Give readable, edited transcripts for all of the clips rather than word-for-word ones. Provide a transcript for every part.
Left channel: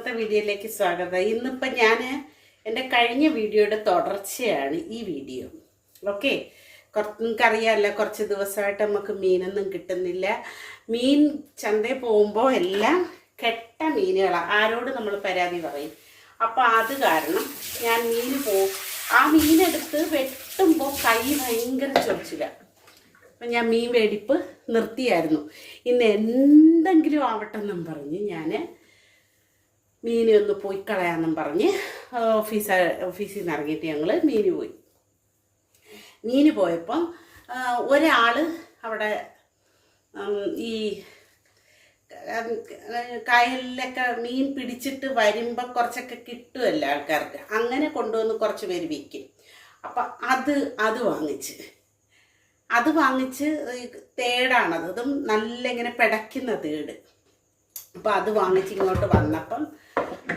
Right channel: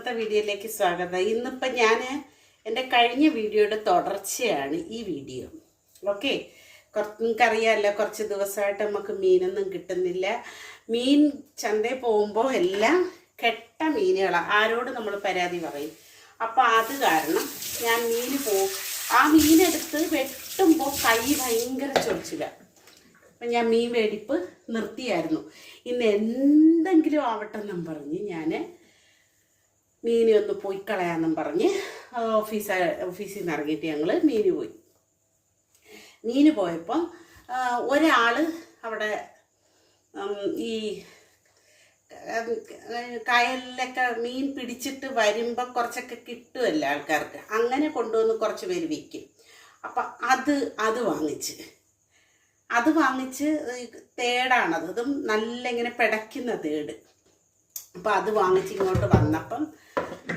ഇന്നത്തെ വീഡിയോയിലേക്ക് സ്വാഗതം. ഇന്നിപ്പോൾ ഞാൻ എൻ്റെ കഴിഞ്ഞ വീഡിയോയുടെ തുടർച്ചയാണ് ഈ വീഡിയോ. ഓക്കെ, നിങ്ങൾക്കറിയാമല്ലോ, കുറച്ച് ദിവസമായിട്ട് നമുക്ക് മീനൊന്നും കിട്ടുന്നില്ല. മീൻ ചന്തയിൽ പോകുമ്പോൾ എല്ലാം കെട്ട മീനുകളാണ്. ആരോട് നമ്മൾ പരാതി പറയും. അപ്പോൾ അത് കാരണം ഞാൻ ആ മീനെടുത്ത് വെട്ടുമ്പോൾ കൈ ഭയങ്കര ചൊറിച്ചിലാണ്. അപ്പം ഞാൻ മീൻ വേടിപ്പ് നിർത്തിയായിരുന്നു. ഇന്ന് എന്തെങ്കിലും ആവട്ടെ എന്നും പറഞ്ഞ് ഞാൻ മീനെ ഒന്ന് പോയി കളയാമെന്നും പറഞ്ഞ് ഓഫീസിൽ നിന്ന് ഇറങ്ങിയിട്ട് ഞങ്ങൾ മീന് പോയപ്പം ഒരാൾ അവിടെ ഈ കായലിലൊക്കെ മീൻ പിടിച്ചിട്ട് വരുമ്പോൾ കുറച്ചൊക്കെ കിട്ടുമല്ലോ ആൾക്കാർക്ക്. അങ്ങനെ കൊണ്ടുവന്ന് കുറച്ച് പേര് വിൽക്കും. അപ്പം അത് വാങ്ങിച്ച് തേടാണത്. അതും നല്ല ഇങ്ങനെ പിടയ്ക്കുന്ന തേട്. അപ്പോൾ അത് വാങ്ങിച്ച് ഇങ്ങോട്ട് വന്നപ്പം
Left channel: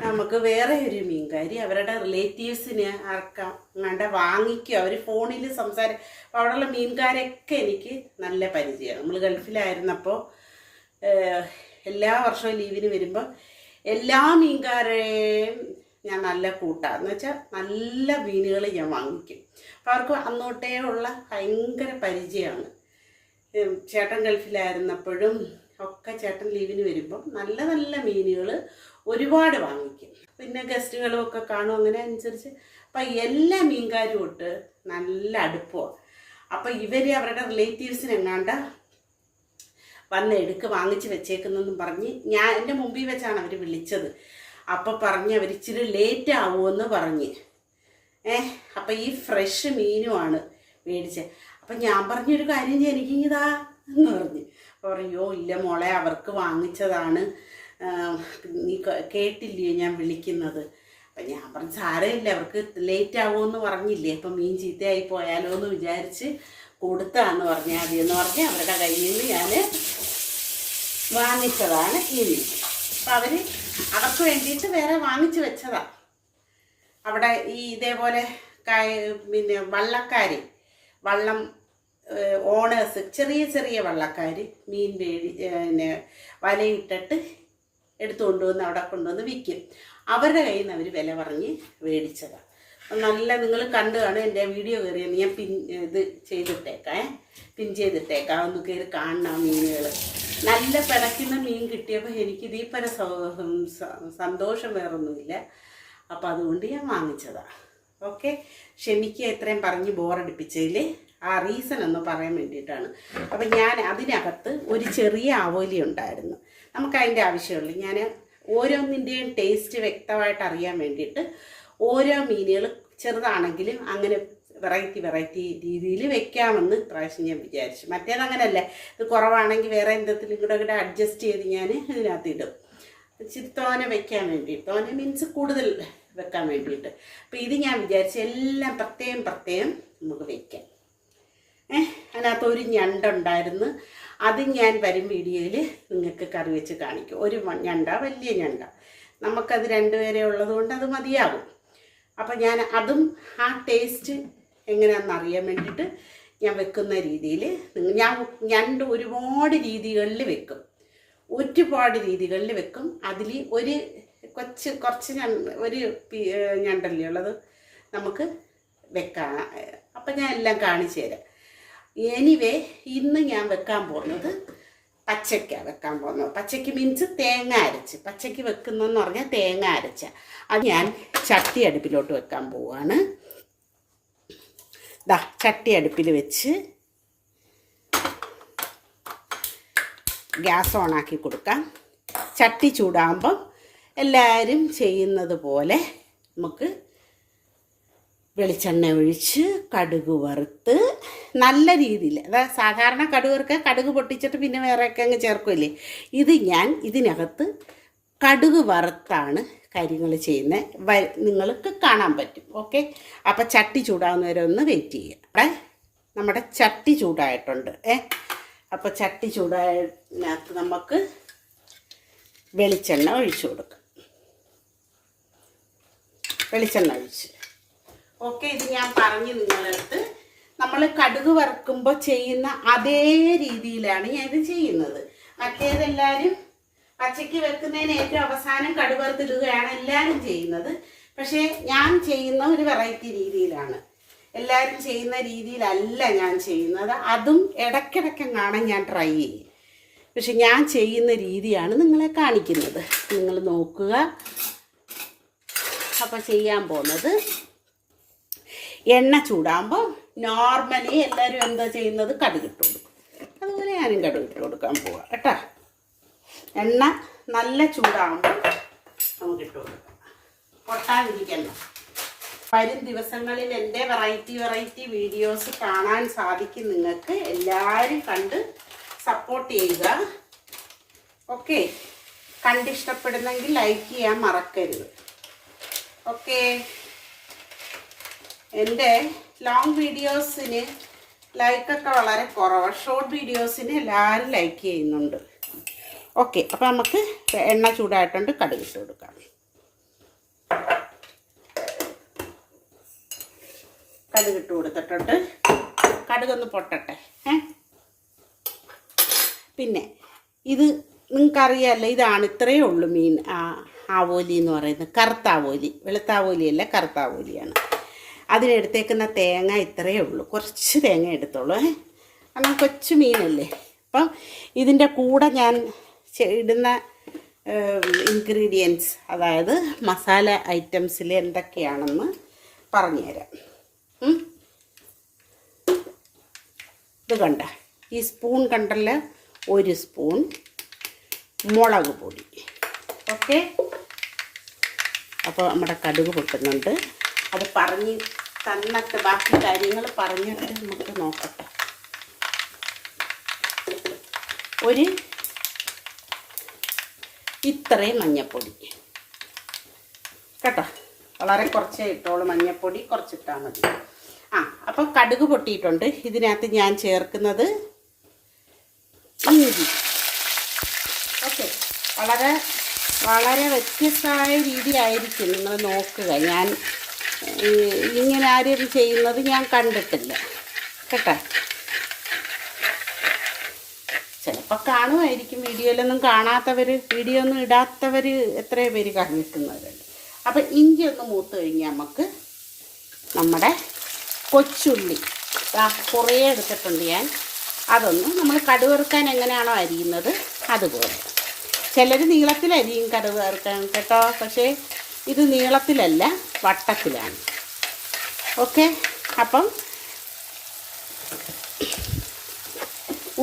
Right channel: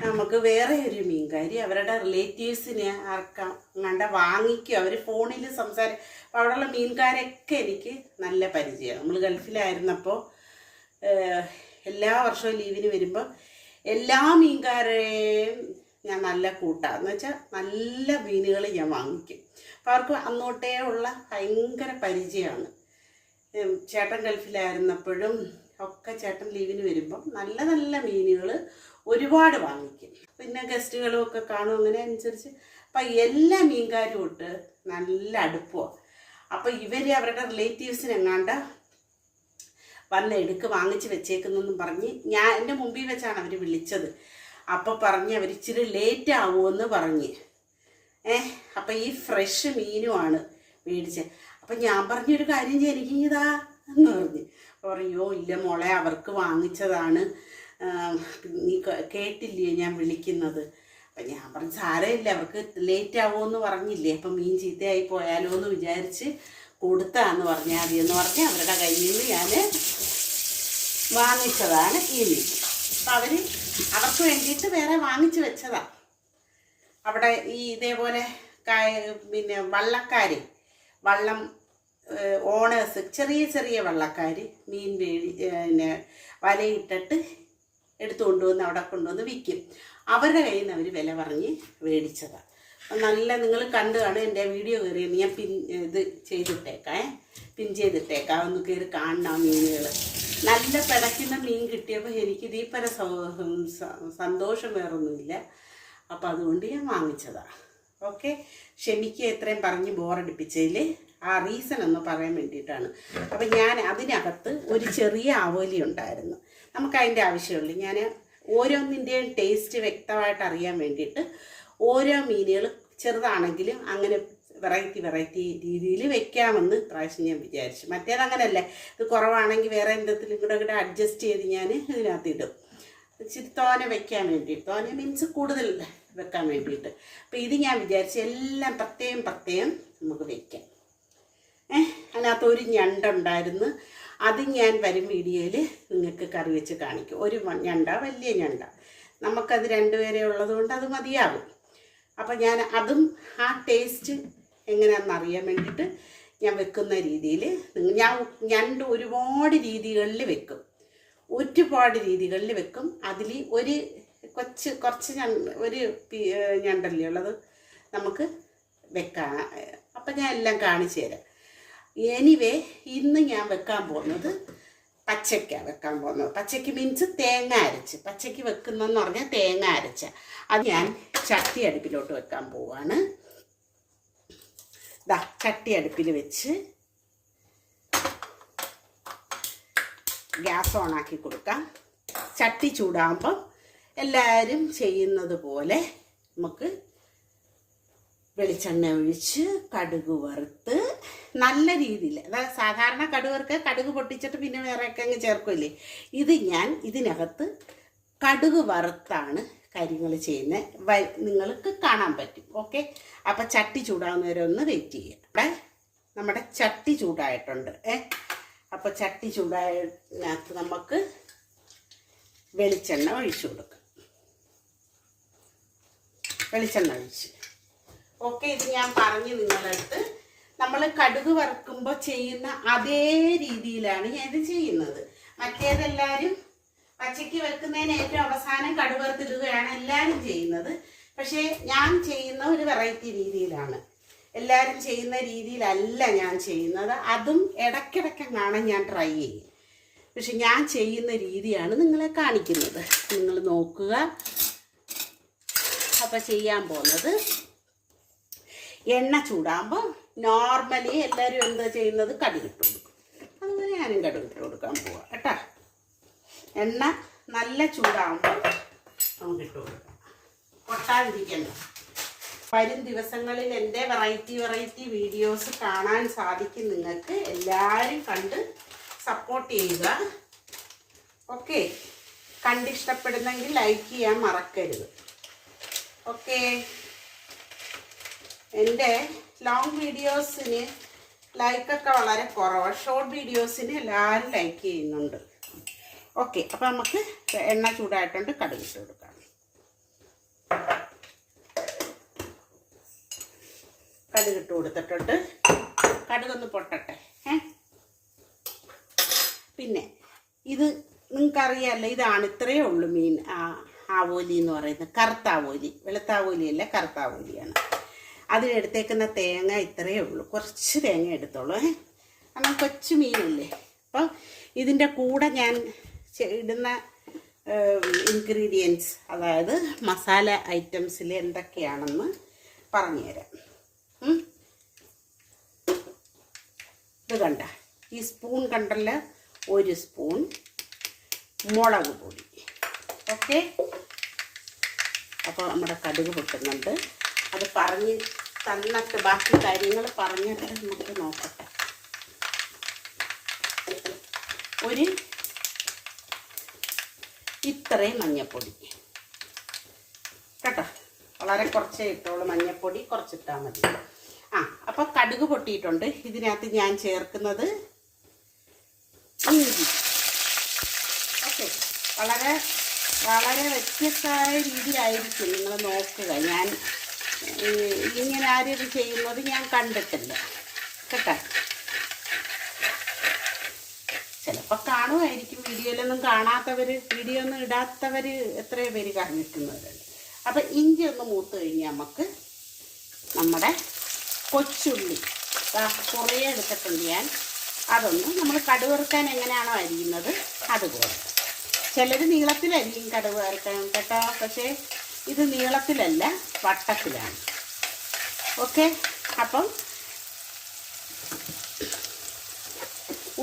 നമുക്ക് വേറെ ഒരു മീൻകാരി അവരുടെ റിലേറ്റീവ്സിനെ ആർക്കങ്ങാണ്ട് വാങ്ങിക്കും. അവർ ഫോണിൽ അപ്പോൾ അവിടെയുള്ള മീൻകാരൊക്കെ എനിക്ക് നല്ല പരിചയമാണ്. നമ്മൾ ഗൾഫിലായിരുന്നപ്പോൾ എല്ലാ വർഷവും ലീവിന് വരുമ്പോൾ എല്ലാ മീൻകാരെയും ഞാൻ നല്ല കൂട്ടാന്ന് വെച്ചാൽ നല്ല മീനുകൾ ഞാൻ വാങ്ങിക്കും. അപ്പോൾ അവർക്ക് അന്നോട്ടേ ഉള്ള ഭയങ്കര പരിചയമാണ്. ചേട്ടൻ ഗൾഫിലായിരുന്നപ്പോഴും ഒക്കെ ചേട്ടൻ ലീവിന് വരുമ്പം നല്ല നല്ല മീനുകൾ ഒരുപാട് വാങ്ങിക്കും. പിന്നെ ഗസ്റ്റുകളും ഒക്കെ കാണും. അങ്ങനെ അനുസരിച്ച് അപ്പം എല്ലാ മീൻകാരും തൊട്ട് നല്ല അടുപ്പമാണ്. അപ്പം ഇവർ അവരുടെ റിലേറ്റീവ്സിനെങ്ങാണ്ട് വാങ്ങിച്ച് വെച്ചേക്കുന്നെന്നും പറഞ്ഞ് എൻ്റെ മുമ്പിൽ വെച്ചാണ് അവർ വിളിച്ചത്. അപ്പോൾ പറഞ്ഞ് അവർ ഇച്ചിരി ലേറ്റ് ആവുമെന്ന് പറഞ്ഞ് അപ്പം ഈ ഫ്രഷ് മീനുമാണ് മേടിച്ചത്. അപ്പം ഞാൻ പറഞ്ഞൊരു കാര്യം ചെയ്യും, എനിക്ക് ഇതാ എന്ന് പറഞ്ഞ്. അപ്പോൾ പറയോ ഇല്ല മോളെ, അവർക്ക് വാങ്ങിച്ചതാണ്, നീ കേട്ടില്ലയോ ഞാൻ വിളിക്കുന്നത്. അപ്പം ഞാൻ പറഞ്ഞു സാരമില്ല, അവർക്ക് ലേറ്റ് ആവുമെന്ന് പറഞ്ഞില്ലേ, അപ്പം മീൻ ചീത്തയായി പോയാലോ എന്ന് വിചാരിച്ച് കൊടുത്താന്ന് പറഞ്ഞാൽ മതി എന്ന് പറഞ്ഞ് അവരുടെ കയ്യിൽ നിന്ന് ഞാൻ വാങ്ങിച്ചതാണ് ഈ മീൻ. അപ്പം അവർക്ക് വേണ്ടിയിട്ട് വേറെ വാങ്ങിച്ചു വെച്ചതാണ്. അവിടെ ഈ ഇതേപോലെ പിന്നെ വള്ളം ഓണേഴ്സ്, ചെറിയ ചെറിയ വള്ളക്കാർ മീൻ പിന്നെ വലയിട്ടിട്ട് എടുത്തു കൊണ്ടുവന്ന് അവിടെ കൊണ്ടുവന്ന് വിൽക്കും. അവരുടെ കയ്യിൽ നിന്ന് അവർ വില പറഞ്ഞ് മേടിച്ചതാണ്. നല്ല നിങ്ങൾ കണ്ടു കാണും. എൻ്റെ വീഡിയോ കയറി ഞാൻ പിൻ ചെയ്തിട്ടേക്കാം ഒന്ന് കയറി കാണണം. മീനുകൾ നല്ല പിടയ്ക്കുന്ന മീൻ കിട്ടിയപ്പോൾ എനിക്ക് ഇതീപ്പര സന്തോഷം വേറൊന്നുമില്ല. അപ്പോൾ അതുകൊണ്ട് ഞാൻ വാങ്ങിച്ചതാണ്. ഓക്കെ, ക്ഷമിക്കുക ഇത്രയും പറഞ്ഞ് ബോറടിപ്പിച്ചതിൽ. ആ റീസൺ ഒന്ന് പറയാൻ വേണ്ടിയിട്ടാണ്. അപ്പം ഞാൻ അതിനകത്ത് ഒരു ചെറിയ ആവോലി ഉണ്ടായിരുന്നു. നമുക്കതിൻ്റെ ആവശ്യമുള്ളൂ. ഞാൻ ഓരോന്നിൻ്റെയും ടേസ്റ്റ് വ്യക്തമായിട്ട് അറിയാൻ വേണ്ടിയിട്ട് ഓരോ മീനുകൾ ചെറുതാണെങ്കിലും അങ്ങനെ വെറൈറ്റി രീതിയിൽ വെക്കാമെന്ന് പ്രാവശ്യം ഞാൻ വിചാരിച്ചു. മറ്റേതങ്ങനല്ല, ഇത് കുറവാണെങ്കിൽ വേറെ എന്തെങ്കിലും കൂടെ അഡ്ജസ്റ്റ് ചെയ്ത് ഞാൻ ഇതിനകത്ത് ഇടും. ഇച്ചിരി തോനെ വെക്കാൻ വേണ്ടിയിട്ട്, തോനെ മീൻസ് കൂടുതൽ വെക്കാൻ വേണ്ടിയിട്ട്. അപ്പോൾ ഇത് ഞാൻ വിചാരിച്ചു എല്ലാം പ്രത്യേകം നമുക്ക് വെക്കാം. അതിനകത്ത് ഒരു ഞണ്ടുണ്ടായിരുന്നു. അത് ഞാൻ വരും വീഡിയോയിൽ നിങ്ങൾക്ക് കറി വെച്ച് കാണിക്കും. ഒരു വലിയ ഞണ്ട, നമുക്കത് രണ്ടുപേരെ ഉള്ളതുകൊണ്ട് അത് മതിയാകും. അപ്പോൾ ഞാൻ അതും ആ ടേസ്റ്റ് എങ്ങനെയാണെന്ന് അറിയാൻ വേണ്ടിയിട്ട് ഞാൻ വെക്കുന്ന രീതിയിൽ ഞണ്ട് ഒരുപാട് രീതികളിൽ വെക്കും. അതിൽ കുറച്ച് ഒരു ഞണ്ടല്ലേ ഉള്ളത് നമുക്ക് വെക്കാം. അപ്പം ഞാൻ എല്ലാം കാണിച്ചു തരാം. എനിവേ, ഇന്ന് ഞാൻ വെക്കാൻ പോകുന്നത് പച്ചയ്ക്കാണ് വെക്കാൻ പോകുന്നത്. പച്ചയ്ക്ക് മീൻസ് തേങ്ങ അരച്ച്. പച്ചയ്ക്ക് വെക്കുന്നതെന്ന് പറഞ്ഞാൽ തേങ്ങ അരച്ച. അത് ഞാൻ ചട്ടി അടുപ്പിലോട്ട് വെക്കാൻ പോവാണ്. ചട്ടി അടുപ്പിൽ വെച്ച് ഗ്യാസ് ഓണാക്കി കൊടുക്കാം. ചട്ടി ചൂടാകുമ്പം എല്ലാവരും ചെയ്യുന്നത് പോലെ നമുക്ക് വെളിച്ചെണ്ണ ഒഴിച്ച് കടുക് വറുത്ത് നല്ല രീതിയിൽ, അതായത് സാധാരണ കടുക് പൊട്ടിച്ചിട്ട് പിന്നെ വേറെയൊക്കെ അങ്ങ് ചേർക്കുമല്ലേ. ഞാൻ ഇതിനകത്ത് കടുക് വറുത്താണ് കാര്യങ്ങൾ ചെയ്യുന്നത്. നിങ്ങൾക്ക് കാണാൻ പറ്റും. ഓക്കെ, അപ്പം ചട്ടി ചൂടാകുന്നവരെ ഒന്ന് വെയിറ്റ് ചെയ്യുക. നമ്മുടെ ചട്ടി ചൂടായിട്ടുണ്ട്. അപ്പോൾ ചട്ടി ചൂടായതിനകത്ത് നമുക്ക് വെളിച്ചെണ്ണ ഒഴിച്ചു കൊടുക്കാം. വെളിച്ചെണ്ണ ഒഴിച്ച് ഓക്കെ, ഇത് ഞാൻ പറഞ്ഞു നിങ്ങളടുത്ത്. നമ്മൾ കടുക് വറുക്കുമ്പോൾ ചെയ്യുന്ന അതേ രീതിയിലാണ് ഞാൻ ഇത് ചെയ്യുന്നത്. മറ്റേതെല്ലാവരും പച്ചയ്ക്ക് വെക്കുന്നതിന് ഏറ്റവും അവസാനം കടുക് വറുത്തിടുകയാണ് എല്ലാവരും ചെയ്യുന്നത്. പക്ഷേ ഞാൻ ചെയ്യുന്ന ഒരു വെറൈറ്റി രീതിയിലാണ്. എല്ലാവരും ചെയ്യുന്ന രീതിയിലല്ല ഞാൻ ചെയ്യുന്നത്. അതും ഇടയ്ക്കിടയ്ക്ക് കാണാൻ ഞാൻ ട്രൈ ചെയ്യും. പക്ഷെ ഞാൻ ചെയ്യുന്ന രീതിയാണ് നിങ്ങളെ കാണിക്കുന്നത്. നിങ്ങൾ നോക്കുക. അപ്പോൾ ചെയ്യാൻ പോകുന്നത്, എണ്ണ ചൂടാകുമ്പോൾ നോർമലി എല്ലാവരും എന്താ ചെയ്യുന്നത്, കടുകിട്ട് കൊടുക്കും. അതുപോലെ ഞാനും കടുകിട്ട് കൊടുക്കാൻ പോവാം കേട്ടോ. എണ്ണ നല്ല ചൂടാകുമ്പോൾ നമുക്ക് ഇട്ട് കൊടുക്കാം, പൊട്ടാതിരിക്കണം. വരും ദിവസങ്ങളിൽ എൻ്റെ വെറൈറ്റി വീഡിയോസ് കാണാൻ സാധിക്കും നിങ്ങൾക്ക്. എല്ലാവരും കണ്ട് സപ്പോർട്ട് ചെയ്യുക. ഓക്കെ, കണ്ടിഷ്ടപ്പെടുന്നെങ്കിൽ ലൈക്ക് ചെയ്യാൻ മറക്കരുത്. ഓക്കെ, എൻ്റെ ലോങ് വീഡിയോസിന് ലൈക്കൊക്കെ വളരെ കുറവാണ്. ഷോർട്ട് വീഡിയോസിന് എല്ലാവരും ലൈക്ക് ചെയ്യുന്നുണ്ട്. ഓക്കെ, അപ്പോൾ നമുക്ക് എണ്ണ ചൂടായിട്ടുണ്ട്, കടുകിട്ട് കൊടുക്കാം. കടുകിട്ട് കൊടുത്തിട്ടുണ്ട്. കടുകൊന്ന് പൊട്ടട്ടെ. പിന്നെ ഇത് നിങ്ങൾക്കറിയാമല്ലോ, ഇതാണ്, ഇത്രയേ ഉള്ളൂ മീൻ. ആവോലി എന്ന് പറയുന്നത് കറുത്താവോലി, വെളുത്താവോലിയല്ല, കറുത്താവോലിയാണ്. അതിനെടുത്തേക്കുന്ന തേങ്ങ ഇത്രയേ ഉള്ളൂ. കുറച്ച് തേങ്ങ എടുത്തോളൂ. കാരണം കൊച്ചു മീനല്ലേ. അപ്പം ഇതിൻ്റെ കൂടെ ഞാൻ ഇടുന്ന ഇൻഗ്രീഡിയൻസ്, അതായത് മസാല ഐറ്റംസിൽ എന്തൊക്കെയാണെന്ന് പറഞ്ഞുതരാം. ഇത് കണ്ട, ഈ സ്പൂൺ കണ്ടല്ലോ, 1 സ്പൂൺ മുളക് പൊടി. ഓക്കെ, അപ്പോൾ നമ്മുടെ കടുക് പൊട്ടുന്നുണ്ട്. അത് പറഞ്ഞ് തന്നിട്ട് ബാക്കി കാര്യങ്ങൾ പറഞ്ഞിട്ട് നമുക്ക് നോക്കട്ടെ. ഇത്രയും മഞ്ഞൾപ്പൊടി കേട്ടോ, വളരെ കുറച്ചേ ഇട്ടോളൂ. മഞ്ഞൾപ്പൊടി കുറച്ചിട്ടാൽ മതി. അപ്പോൾ കടുക് പൊട്ടിയിട്ടുണ്ട്. ഇതിനകത്ത് ഞാൻ ചേർക്കുന്നത് ഇഞ്ചി. ഓക്കെ, വളരെ വളരെ വ്യത്യസ്തമായ രീതിയായിരിക്കും. നിങ്ങൾ നോക്കുക. ഞാൻ ഇങ്ങനെ ആരും ചെയ്യുന്നത് ഞാൻ കണ്ടിട്ടില്ല കേട്ടോ. ചിലപ്പോൾ കാണുമായിരിക്കും, വീഡിയോയിലൊന്നും കാണാത്തവർ, വീഡിയോ ഒന്നും ഇടാത്തവർ എത്രയോ പേര് കണ്ടിട്ടുന്നവരുണ്ട്. അപ്പം ഇഞ്ചി ഒക്കെ മൂത്ത് കഴിഞ്ഞാൽ നമുക്ക് നമ്മുടെ കൊച്ചുള്ളി കുറേ എടുത്തിട്ടുണ്ട് ഞാൻ. അതൊന്നും നമ്മൾ കടുക് വറുക്കാൻ എങ്ങനെയാണോ അരിയുന്നത് അതുപോലെ. ചിലർ നീളത്തിലരിയും കടുക് വറുക്കാൻ കേട്ടോ, പക്ഷേ ഇത് നീളത്തിലല്ല, വട്ടത്തിലാണ്. ഓക്കെ, അപ്പം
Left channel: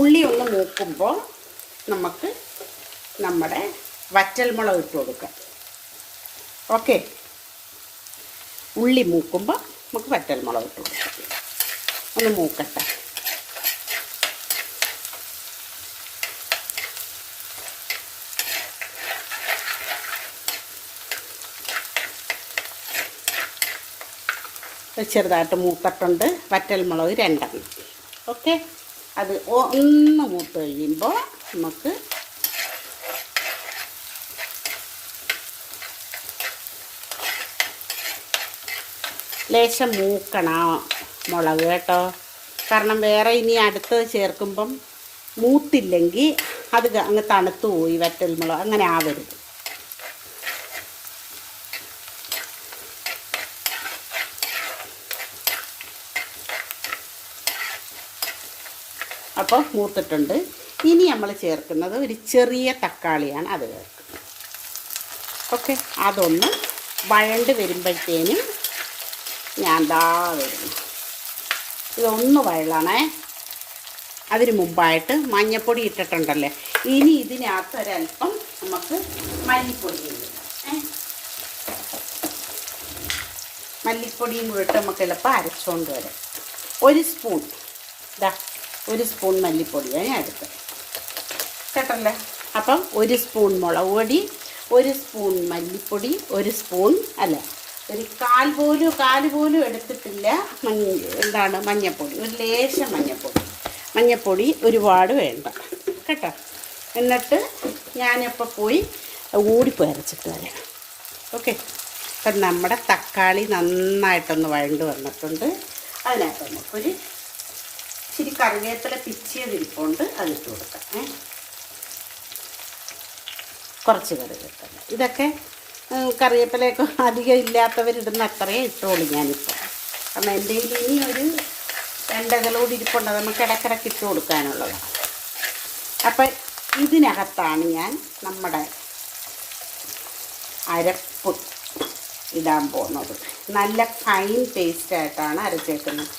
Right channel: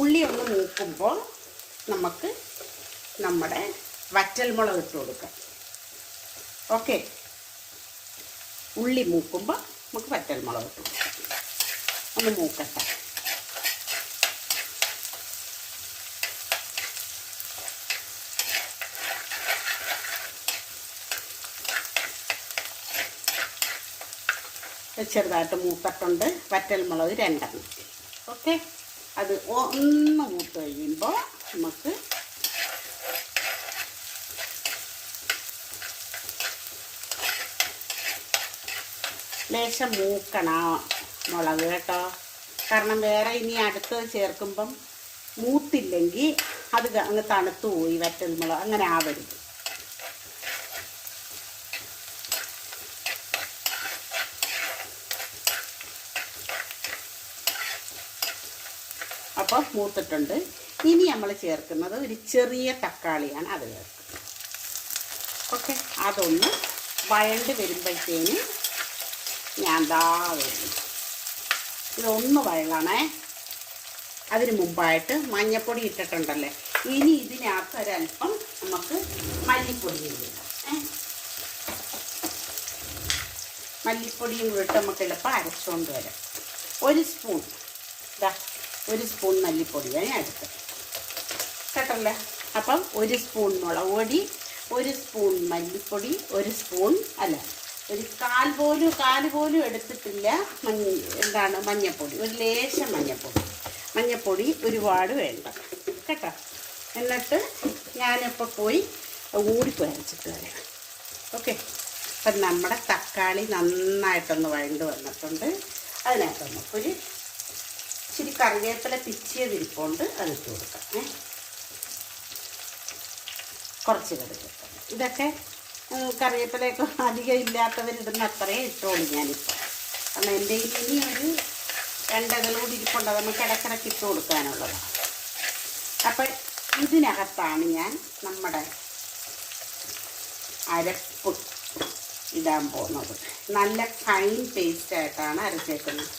ഉള്ളി ഒന്ന് മൂക്കുമ്പോൾ നമുക്ക് നമ്മുടെ വറ്റൽമുളക് ഇട്ട് കൊടുക്കാം. ഓക്കെ, ഉള്ളി മൂക്കുമ്പോൾ നമുക്ക് വറ്റൽമുളക് ഇട്ട് കൊടുക്കാം. ഒന്ന് മൂക്കട്ടെ. ചെറുതായിട്ട് മൂത്തിട്ടുണ്ട്. വറ്റൽമുളക് 2 എണ്ണം. ഓക്കെ, അത് ഒന്ന് മൂത്ത് കഴിയുമ്പോൾ നമുക്ക് ലേശം മൂക്കണം മുളക് കേട്ടോ. കാരണം വേറെ ഇനി അടുത്തത് ചേർക്കുമ്പം മൂത്തില്ലെങ്കിൽ അത് അങ്ങ് തണുത്തു പോയി വറ്റൽമുളക്, അങ്ങനെ ആവരുത്. അപ്പോൾ മൂത്തിട്ടുണ്ട്. ഇനി നമ്മൾ ചേർക്കുന്നത് ഒരു ചെറിയ തക്കാളിയാണ്, അത് ചേർക്കുന്നത്. ഓക്കെ, അതൊന്ന് വഴണ്ട് വരുമ്പോഴത്തേനും ഞാൻ വരുന്നു. ഇതൊന്ന് വഴളണേ. അതിന് മുമ്പായിട്ട് മഞ്ഞൾപ്പൊടി ഇട്ടിട്ടുണ്ടല്ലേ, ഇനി ഇതിനകത്ത് ഒരല്പം നമുക്ക് മല്ലിപ്പൊടി ഇടാം. മല്ലിപ്പൊടിയും കൂടെ ഇട്ട് നമുക്ക് എളുപ്പം അരച്ചുകൊണ്ട് വരാം. 1 സ്പൂൺ, 1 സ്പൂൺ മല്ലിപ്പൊടിയാണ് ഞാൻ എടുത്തത് കേട്ടല്ലേ. അപ്പം 1 സ്പൂൺ മുളക് പൊടി, 1 സ്പൂൺ മല്ലിപ്പൊടി, 1 സ്പൂൺ അല്ല, ഒരു കാല് പോലും എടുത്തിട്ടില്ല മഞ്ഞൾപ്പൊടി. ഒരു ലേശം മഞ്ഞൾപ്പൊടി ഒരുപാട് വേണ്ട കേട്ടോ. എന്നിട്ട് ഞാനിപ്പോൾ പോയി ഓടിപ്പോയി അരച്ചിട്ട് വരാം. ഓക്കെ, അപ്പം നമ്മുടെ തക്കാളി നന്നായിട്ടൊന്ന് വഴണ്ട് വന്നിട്ടുണ്ട്. അതിനകത്ത് നമുക്കൊരു ഇച്ചിരി കറിവേപ്പില പിച്ചിയതിരിപ്പുണ്ട്, അതിട്ട് കൊടുക്കാം. കുറച്ച് കറിവേപ്പില. ഇതൊക്കെ കറിവേപ്പിലയൊക്കെ അധികം ഇല്ലാത്തവരിടുന്ന അത്രയും ഇട്ടോളൂ ഞാനിപ്പോൾ. കാരണം എൻ്റെ ഇനി ഒരു 2 ഇതളോട് ഇരിപ്പുണ്ട്, നമുക്ക് ഇടയ്ക്കിടയ്ക്ക് ഇട്ട് കൊടുക്കാനുള്ളത്. അപ്പം ഇതിനകത്താണ് ഞാൻ നമ്മുടെ അരപ്പ് ഇടാൻ പോകുന്നത്. നല്ല ഫൈൻ പേസ്റ്റായിട്ടാണ് അരച്ചേക്കുന്നത്,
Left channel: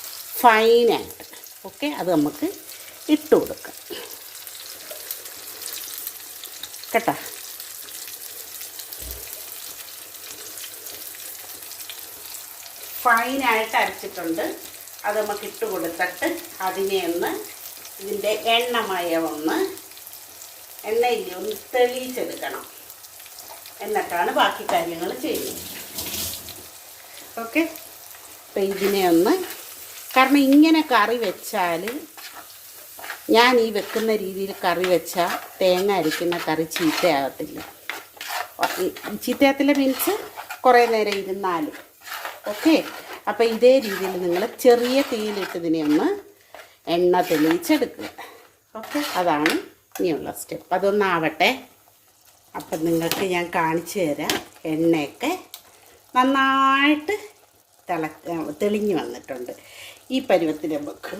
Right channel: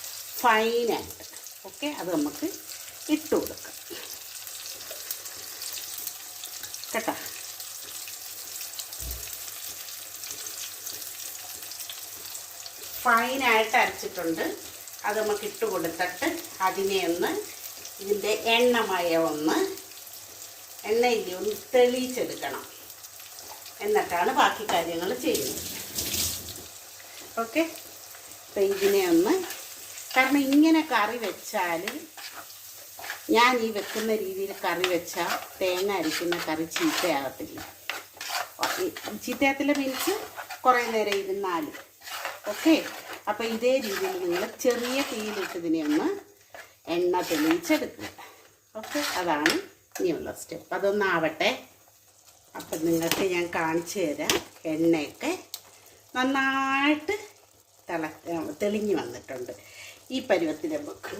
ഫൈനായിട്ട്. ഓക്കെ, അത് നമുക്ക് ഇട്ട് കൊടുക്കാം കേട്ടോ. ഫൈനായിട്ട് അരച്ചിട്ടുണ്ട്. അത് നമുക്ക് ഇട്ട് കൊടുത്തിട്ട് അതിനെ ഒന്ന് ഇതിൻ്റെ എണ്ണയിൽ ഒന്ന് തെളിയിച്ചെടുക്കണം. എന്നിട്ടാണ് ബാക്കി കാര്യങ്ങൾ ചെയ്യുന്നത്. ഓക്കെ, അപ്പം ഇതിനെ ഒന്ന്, കാരണം ഇങ്ങനെ കറി വെച്ചാൽ, ഞാൻ ഈ വെക്കുന്ന രീതിയിൽ കറി വെച്ചാൽ തേങ്ങ അരിക്കുന്ന കറി ചീത്തയാകത്തില്ല. ചീത്തയാകത്തില്ല മീൻസ് കുറേ നേരം ഇരുന്നാലും. ഓക്കെ, അപ്പോൾ ഇതേ രീതിയിൽ നിങ്ങൾ ചെറിയ തീയിലിട്ട് ഇതിനെ ഒന്ന് എണ്ണ തെളിയിച്ചെടുക്കുക. ഓക്കെ, അതാണ് ഇനിയുള്ള സ്റ്റെപ്പ്. അതൊന്നാവട്ടെ. അപ്പം നിങ്ങൾക്ക് ഞാൻ കാണിച്ചു തരാം. എണ്ണയൊക്കെ നന്നായിട്ട് തെളിഞ്ഞ് വന്നിട്ടുണ്ട്. ഈ പരുവത്തിൽ നമുക്ക്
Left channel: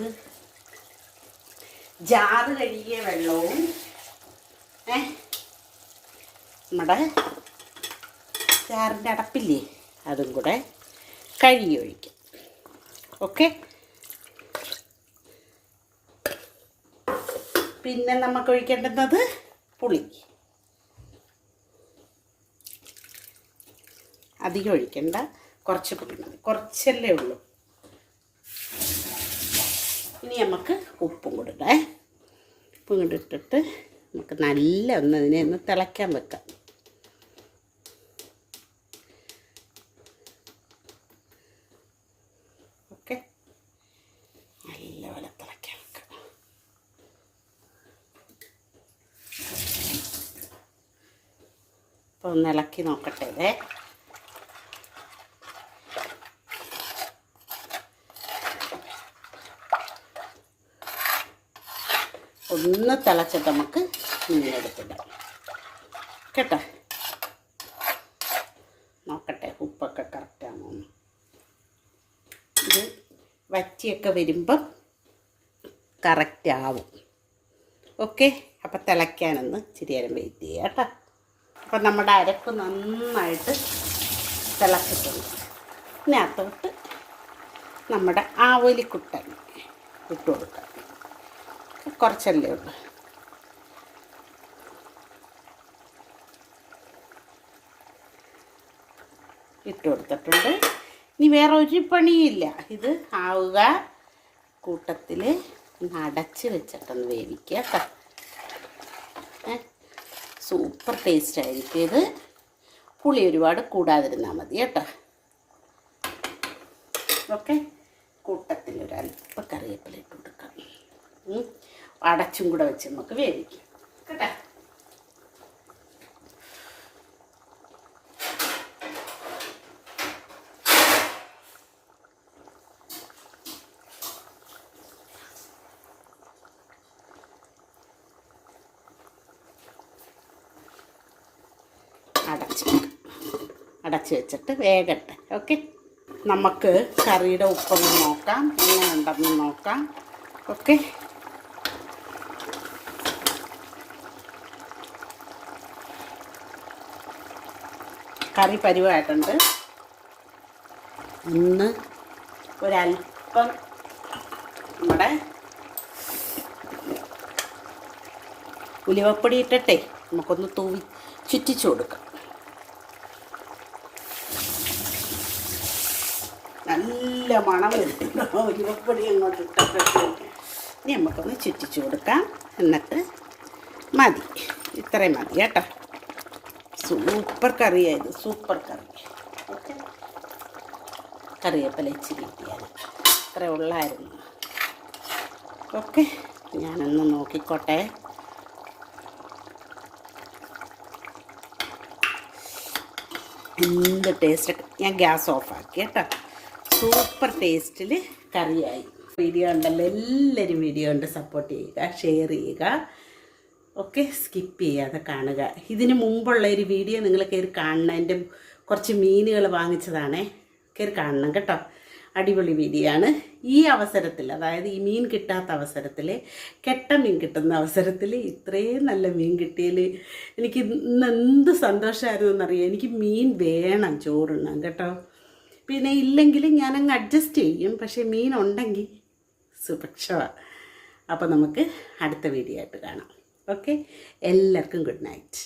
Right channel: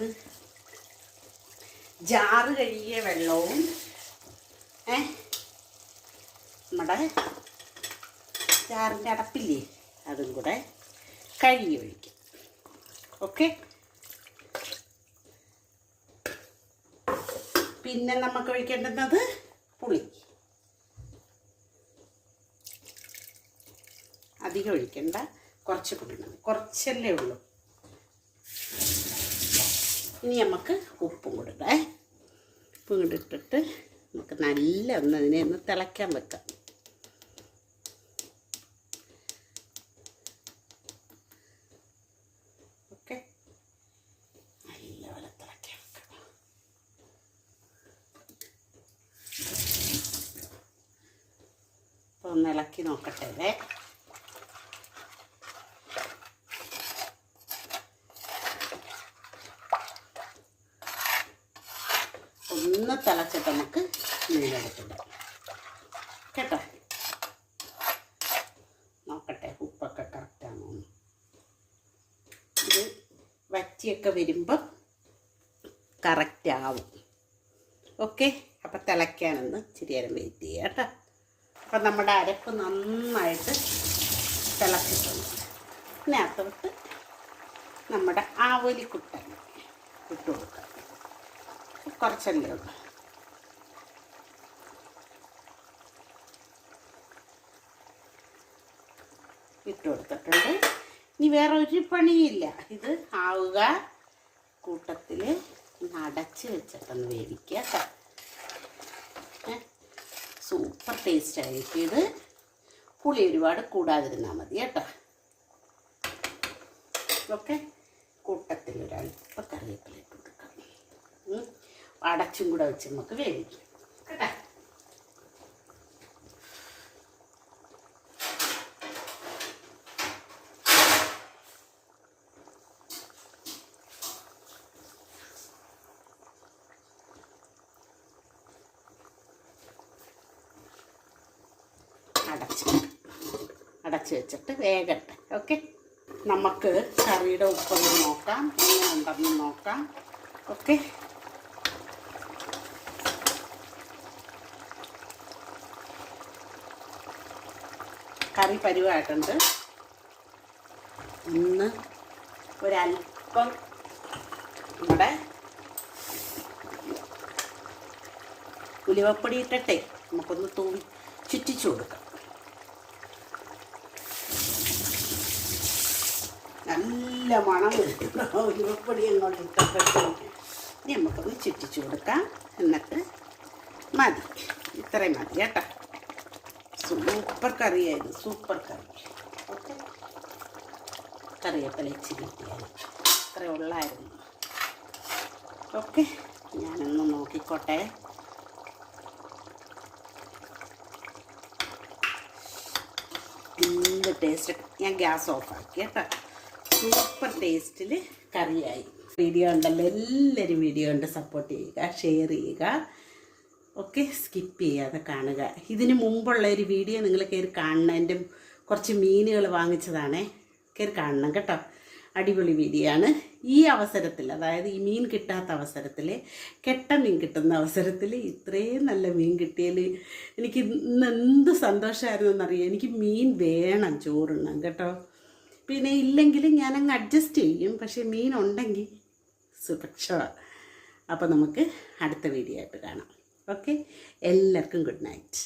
ജാറ് കഴുകിയ വെള്ളവും നമ്മുടെ ജാറിൻ്റെ അടപ്പില്ലേ അതും കൂടെ കഴുകി ഒഴിക്കാം. ഓക്കെ, പിന്നെ നമുക്ക് ഒഴിക്കേണ്ടുന്നത് പുളി. അധികം ഒഴിക്കണ്ട, കുറച്ച് പുളി മതി, കുറച്ചല്ലേ ഉള്ളൂ. ഇനി നമുക്ക് ഉപ്പും കൊടുക്കാം. ഉപ്പും കൂടി ഇട്ടിട്ട് നമുക്ക് നല്ല അതിനെ ഒന്ന് തിളയ്ക്കാൻ വെക്കാം. ഓക്കെ, നല്ലപോലെ തിളയ്ക്കാൻ വെക്കാം. അപ്പോൾ ഒന്ന് ഇളക്കി നോക്കട്ടെ. ഒന്ന് തിളച്ചിട്ട് നമുക്ക് മീനെടുത്തിടാം കേട്ടോ. നോക്കട്ടെ ഉപ്പൊക്കെ കറക്റ്റാണോ. ഇത് വറ്റിയൊക്കെ വരുമ്പം കറക്റ്റാവും. ഓക്കെ, അപ്പം തിളയ്ക്കാനൊന്ന് ഇച്ചിരി നേരം വെയിറ്റ് ചെയ്യുക കേട്ടോ. അപ്പം നമ്മുടെ അരപ്പ് നന്നായിട്ട് തിളച്ചിട്ടുണ്ട്. ഇതിനകത്തോട്ട് നമ്മുടെ ആവോലിക്കുട്ടൻ ഇട്ട് കൊടുക്കാം. കുറച്ചല്ലേ ഉള്ളൂ. ഇട്ട് കൊടുത്തിട്ടുണ്ട്. ഇനി വേറെ ഒരു പണിയില്ല. ഇത് ആവുക കൂട്ടത്തിൽ അടച്ച് വെച്ചിട്ടൊന്ന് വേവിക്കുക കേട്ടോ. സൂപ്പർ ടേസ്റ്റ് ആയിരിക്കും ഇത്. പുളി ഒരുപാട് കൂടാതിരുന്നാൽ മതി കേട്ടോ. ഓക്കെ, കൂട്ടത്തിൽ ഒരല്പം കറിവേപ്പില ഇട്ട് കൊടുക്കാം. അടച്ചും കൂടെ വെച്ച് നമുക്ക് വേവിക്കാം കേട്ടോ. അടച്ച് വെച്ചിട്ട് വേഗട്ടെ. ഓക്കെ, നമുക്ക് കറിയുടെ ഉപ്പൊന്ന് നോക്കാം, എങ്ങനെ ഉണ്ടെന്ന് നോക്കാം. ഓക്കെ, കറി പരുവായിട്ടുണ്ട്. ഒന്ന് ഒരല്പം നമ്മുടെ ഉലുവപ്പൊടി ഇട്ടിട്ടേ നമുക്കൊന്ന് തൂവി ചുറ്റിച്ചു കൊടുക്കാം. നല്ല മണം വരുന്നുണ്ടോ ഉലുവപ്പൊടി അങ്ങോട്ട് ഇട്ടപ്പോഴത്തേക്ക്. ഇനി നമുക്കൊന്ന് ചുറ്റിച്ചു കൊടുക്കാം. എന്നിട്ട് മതി, ഇത്രയും മതി കേട്ടോ. സൂപ്പർ കറിയായിരുന്നു, സൂപ്പർ കറി. ഓക്കെ, കറിവേപ്പില ഇച്ചിരി കിട്ടിയാൽ ഇത്ര ഉള്ളായിരുന്നു. ഓക്കെ, ഞാനൊന്ന് നോക്കിക്കോട്ടെ. എന്ത് ടേസ്റ്റ്. ഞാൻ ഗ്യാസ് ഓഫാക്കി കേട്ടോ. സൂപ്പർ ടേസ്റ്റിൽ കറിയായി. വീഡിയോ ഉണ്ടല്ലോ, എല്ലാവരും വീഡിയോ ഉണ്ട് സപ്പോർട്ട് ചെയ്യുക, ഷെയർ ചെയ്യുക. ഓക്കെ, സ്കിപ്പ് ചെയ്യാതെ കാണുക. ഇതിന് മുമ്പുള്ള ഒരു വീഡിയോ നിങ്ങൾ കയറി കാണണം. എൻ്റെ കുറച്ച് മീനുകൾ വാങ്ങിച്ചതാണേ, കയറി കാണണം കേട്ടോ. അടിപൊളി വീഡിയോ ആണ്. ഈ അവസരത്തിൽ, അതായത് ഈ മീൻ കിട്ടാത്ത അവസരത്തിൽ, കെട്ട മീൻ കിട്ടുന്ന അവസരത്തിൽ ഇത്രയും നല്ല മീൻ കിട്ടിയതിൽ എനിക്ക് ഇന്ന് എന്ത് സന്തോഷമായിരുന്നു എന്നറിയാം. എനിക്ക് മീൻ വേണം ചോറുണ്ണാൻ കേട്ടോ. പിന്നെ ഇല്ലെങ്കിലും ഞാനങ്ങ് അഡ്ജസ്റ്റ് ചെയ്യും, പക്ഷേ മീൻ ഉണ്ടെങ്കിൽ സുരക്ഷമാണ്. അപ്പോൾ നമുക്ക് അടുത്ത വീഡിയോ ആയിട്ട് കാണാം. ഓക്കെ, എല്ലാവർക്കും ഗുഡ് നൈറ്റ്.